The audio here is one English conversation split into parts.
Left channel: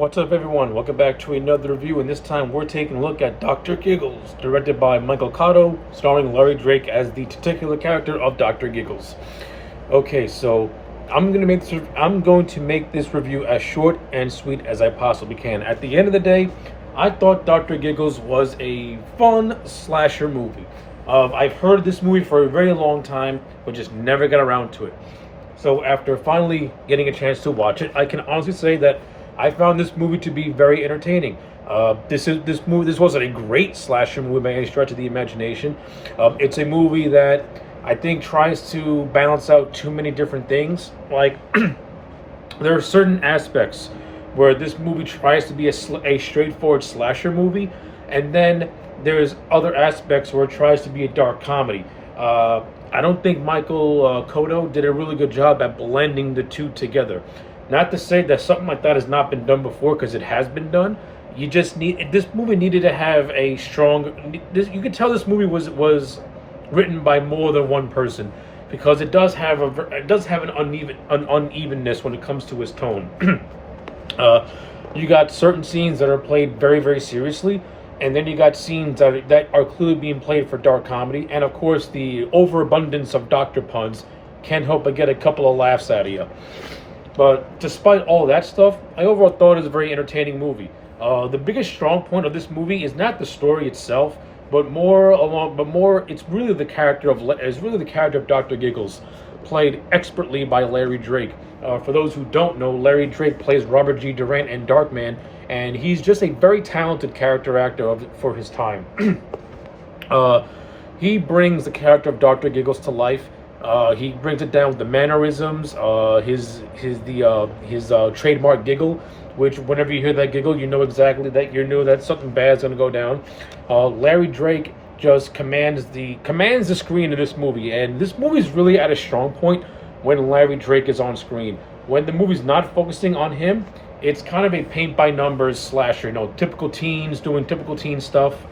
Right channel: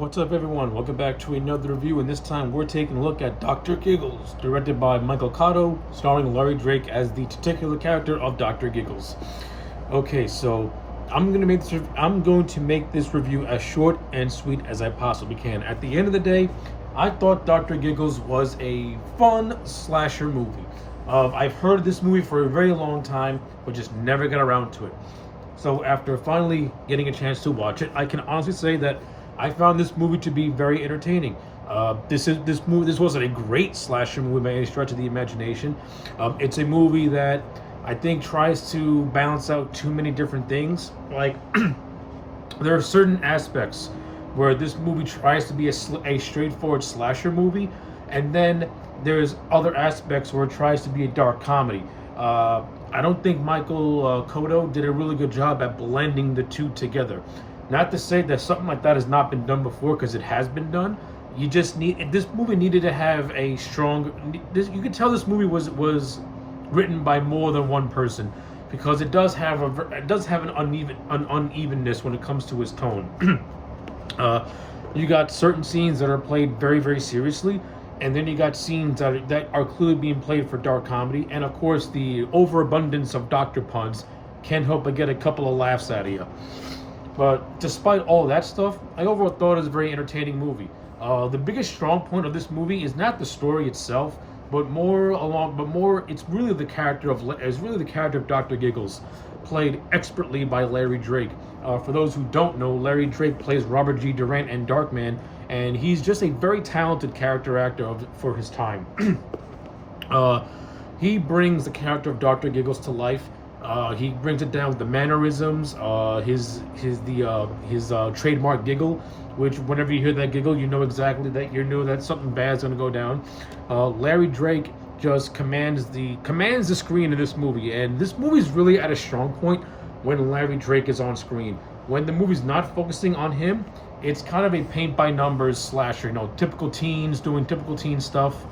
What's up, everyone? Welcome back to another review, and this time we're taking a look at Dr. Giggles, directed by Michael Cotto, starring Larry Drake as the titular character of Dr. Giggles. Okay, so I'm going to make this review as short and sweet as I possibly can. At the end of the day, I thought Dr. Giggles was a fun slasher movie. I've heard of this movie for a very long time, but just never got around to it. So after finally getting a chance to watch it, I can honestly say that I found this movie to be very entertaining. This wasn't a great slasher movie by any stretch of the imagination. It's a movie that I think tries to balance out too many different things. Like there are certain aspects where this movie tries to be a straightforward slasher movie, and then there's other aspects where it tries to be a dark comedy. I don't think Michael Cotto did a really good job at blending the two together. Not to say that something like that has not been done before, because it has been done. You just need this movie needed to have a strong. You could tell this movie was written by more than one person, because it does have an unevenness when it comes to its tone. You got certain scenes that are played very, very seriously, and then you got scenes that are clearly being played for dark comedy, and of course the overabundance of doctor puns can't help but get a couple of laughs out of you. But despite all that stuff, I overall thought it was a very entertaining movie. The biggest strong point of this movie is not the story itself, but it's really the character of Dr. Giggles, played expertly by Larry Drake. For those who don't know, Larry Drake plays Robert G. Durant in Darkman, and he's just a very talented character actor for his time. He brings the character of Dr. Giggles to life. He brings it down with the mannerisms, his trademark giggle, which whenever you hear that giggle, you know exactly that something bad's gonna go down. Larry Drake just commands the screen in this movie, and this movie's really at a strong point when Larry Drake is on screen. When the movie's not focusing on him, it's kind of a paint by numbers slasher, typical teens doing typical teen stuff.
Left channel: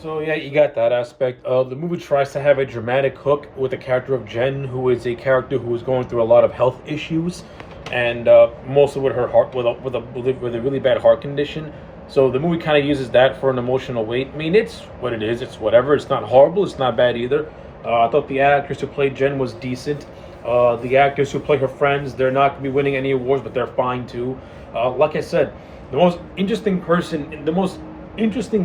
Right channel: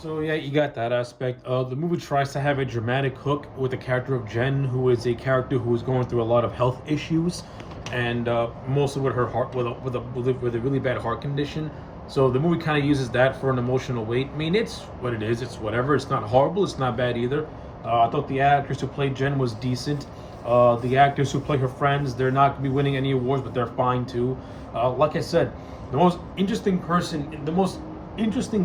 So yeah, you got that aspect. The movie tries to have a dramatic hook with the character of Jen, who is a character who is going through a lot of health issues, and mostly with her heart, with a really bad heart condition. So the movie kind of uses that for an emotional weight. I mean, it's what it is. It's whatever. It's not horrible. It's not bad either. I thought the actress who played Jen was decent. The actors who play her friends, they're not going to be winning any awards, but they're fine too. Like I said, the most interesting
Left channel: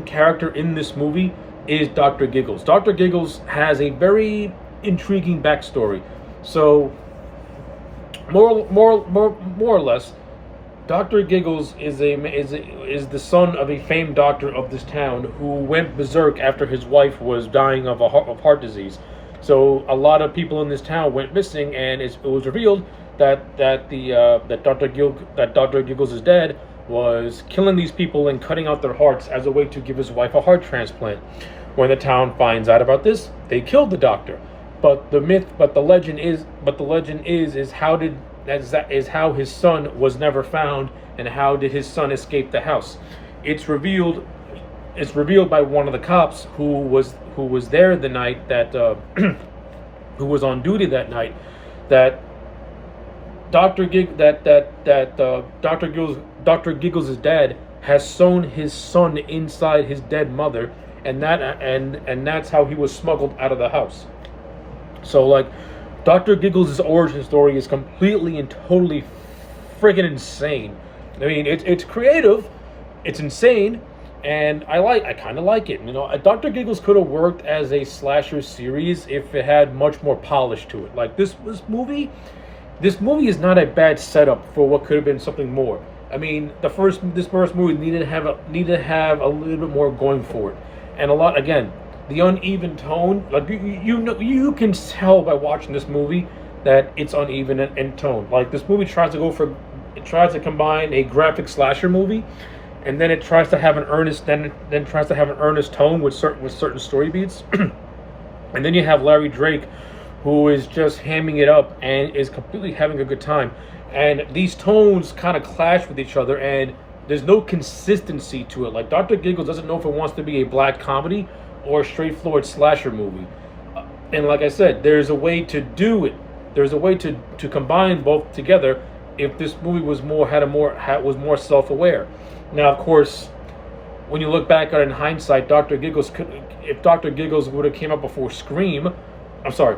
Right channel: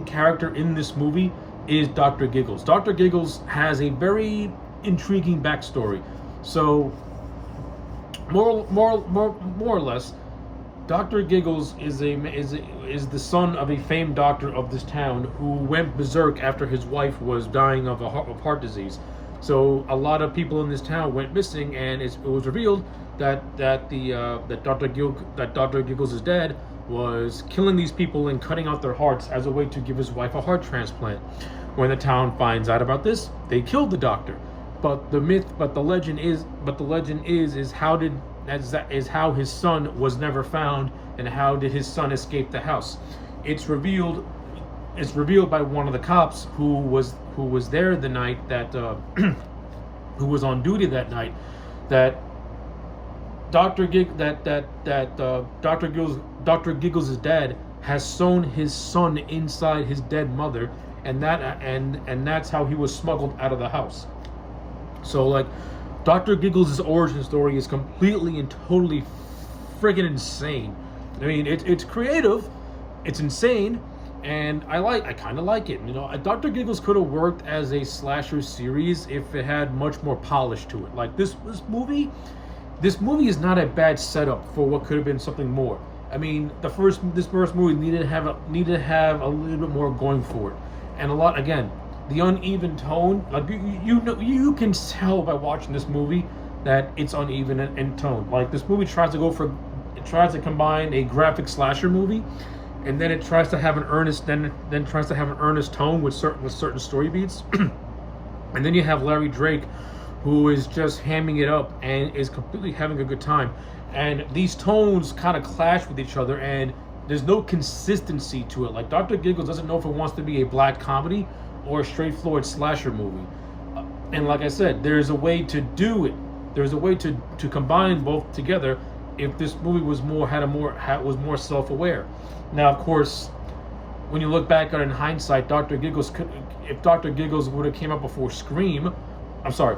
character in this movie is Dr. Giggles. Dr. Giggles has a very intriguing backstory. So, more or less, Dr. Giggles is the son of a famed doctor of this town who went berserk after his wife was dying of heart disease. So a lot of people in this town went missing, and it was revealed that Dr. Giggles' dad was killing these people and cutting out their hearts as a way to give his wife a heart transplant. When the town finds out about this, they killed the doctor. But the legend is how his son was never found, and how did his son escape the house? It's revealed by one of the cops who was there the night that who was on duty that night, that Dr. Giggles' dad has sewn his son inside his dead mother, and that's how he was smuggled out of the house. So like, Dr. Giggles' origin story is completely and totally friggin' insane. I mean, it's creative, it's insane, and I kind of like it. Dr. Giggles could have worked as a slasher series if it had much more polish to it. Like this movie is not a bad setup for what could have been something more. I mean, this first movie needed to have a little bit more going for it, and a lot, again, the uneven tone. Like you can tell by watching this movie that it's uneven in tone. Like this movie tries to combine a graphic slasher movie, and then it tries to have an earnest tone with certain story beats, and then you have Larry Drake, who is just hamming it up and is completely having a good time. And these tones kind of clash with each other, and there's no consistency to it. Like Dr. Giggles doesn't know if it wants to be a black comedy or a straightforward slasher movie. And like I said, there's a way to do it. There's a way to combine both together if this movie was was more self-aware. Now, of course, when you look back at it in hindsight, if Dr. Giggles would have came out before Scream, I'm sorry,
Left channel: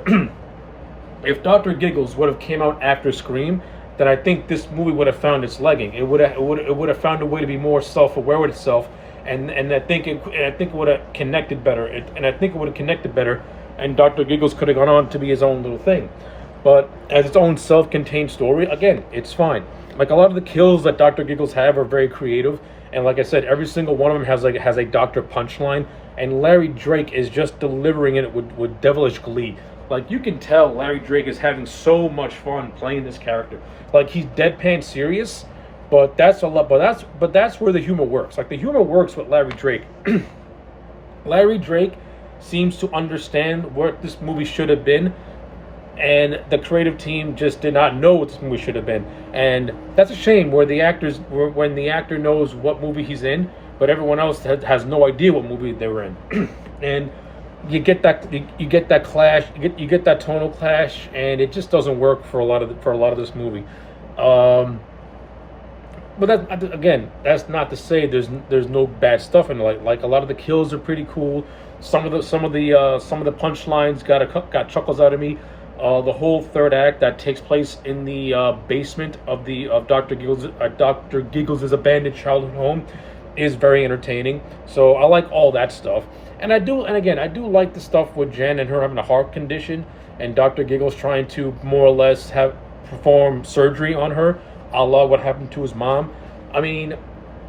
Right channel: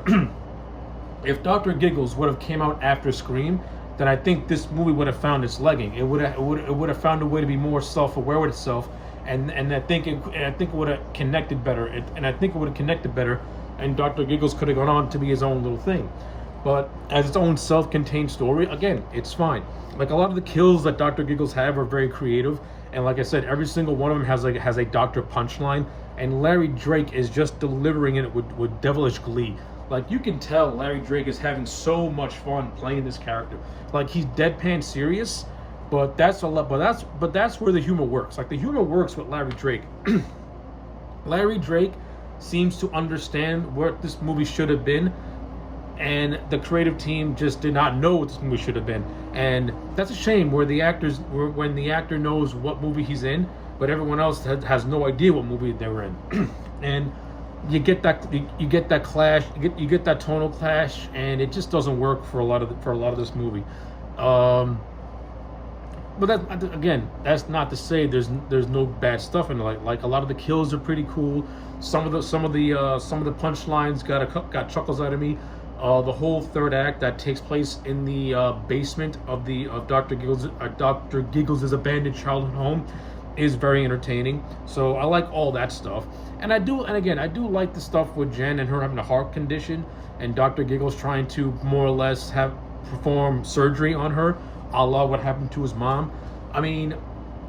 if Dr. Giggles would have came out after Scream, then I think this movie would have found its legging. It would have found a way to be more self-aware with itself, and I think it would have connected better. And Dr. Giggles could have gone on to be his own little thing. But as its own self-contained story, again, it's fine. Like, a lot of the kills that Dr. Giggles have are very creative, and like I said, every single one of them has a Doctor punchline, and Larry Drake is just delivering it with devilish glee. Like, you can tell Larry Drake is having so much fun playing this character. Like, he's deadpan serious, but that's a lot. But that's where the humor works. Like, the humor works with Larry Drake. Larry Drake seems to understand what this movie should have been, and the creative team just did not know what this movie should have been. And that's a shame, when the actor knows what movie he's in, but everyone else has no idea what movie they were in. And you get that clash, you get that tonal clash, and it just doesn't work for a lot of this movie. But that, again, that's not to say there's no bad stuff in it. Like, a lot of the kills are pretty cool. Some of the punchlines got chuckles out of me. The whole third act that takes place in the basement of Dr. Giggles' abandoned childhood home is very entertaining. So I like all that stuff. And I do like the stuff with Jen and her having a heart condition, and Dr. Giggles trying to more or less perform surgery on her, a la what happened to his mom. I mean,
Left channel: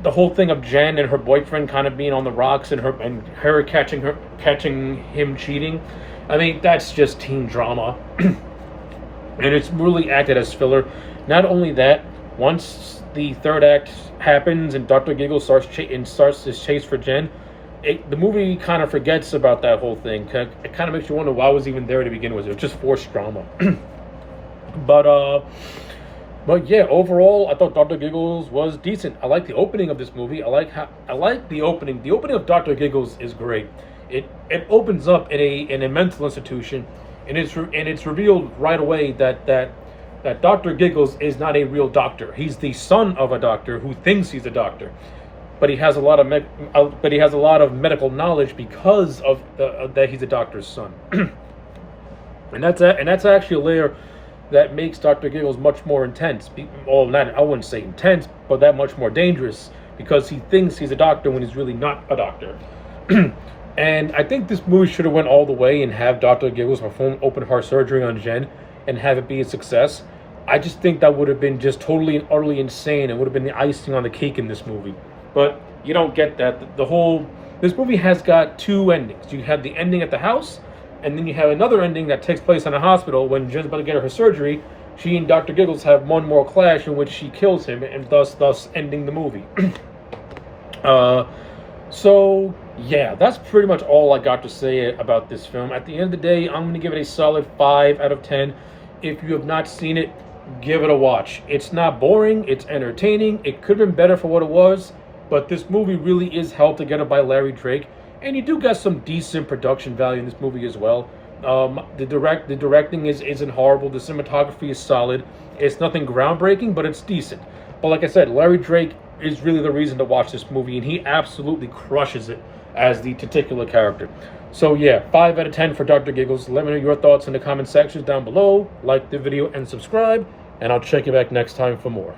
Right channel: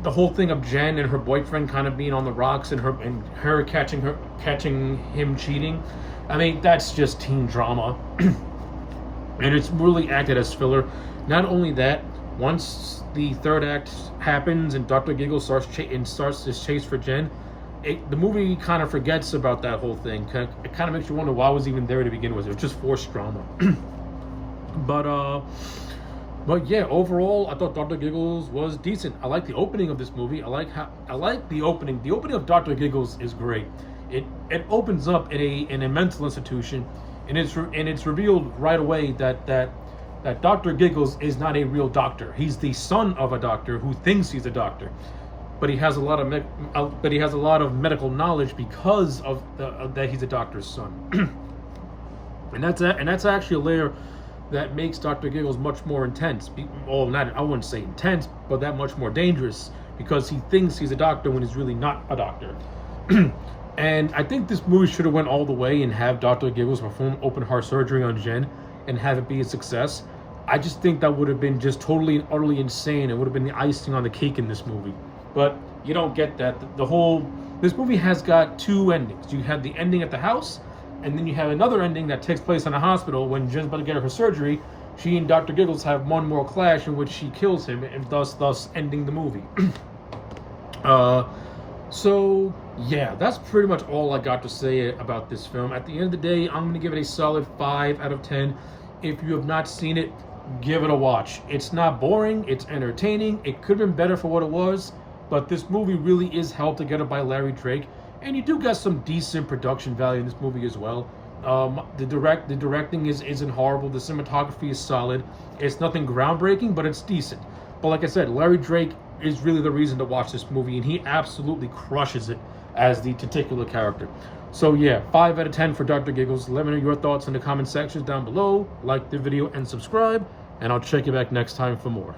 the whole thing of Jen and her boyfriend kind of being on the rocks, and her catching him cheating. I mean, that's just teen drama. And it's really acted as filler. Not only that, once the third act happens and Dr. Giggles starts his chase for Jen, the movie kind of forgets about that whole thing. It kind of makes you wonder why it was even there to begin with. It was just forced drama. But yeah, overall, I thought Dr. Giggles was decent. I like the opening of this movie. I like the opening. The opening of Dr. Giggles is great. It opens up in a mental institution, and it's revealed right away that Dr. Giggles is not a real doctor. He's the son of a doctor who thinks he's a doctor, but he has a lot of medical knowledge because of that he's a doctor's son. and that's actually a layer that makes Dr. Giggles much more intense. Well, not, I wouldn't say intense, but that much more dangerous, because he thinks he's a doctor when he's really not a doctor. And I think this movie should have went all the way and have Dr. Giggles perform open heart surgery on Jen and have it be a success. I just think that would have been just totally and utterly insane, and would have been the icing on the cake in this movie. But you don't get that. This movie has got two endings. You have the ending at the house, and then you have another ending that takes place in a hospital when Jen's about to get her surgery. She and Dr. Giggles have one more clash in which she kills him, and thus ending the movie. So yeah, that's pretty much all I got to say about this film. At the end of the day, I'm going to give it a solid 5 out of 10. If you have not seen it, give it a watch. It's not boring, it's entertaining. It could have been better for what it was, but this movie really is held together by Larry Drake, and you do get some decent production value in this movie as well. The directing isn't horrible. The cinematography is solid. It's nothing groundbreaking, but it's decent. But like I said, Larry Drake is really the reason to watch this movie, and he absolutely crushes it as the titular character. So yeah, 5 out of 10 for Dr. Giggles. Let me know your thoughts in the comment sections down below. Like the video and subscribe, and I'll check you back next time for more.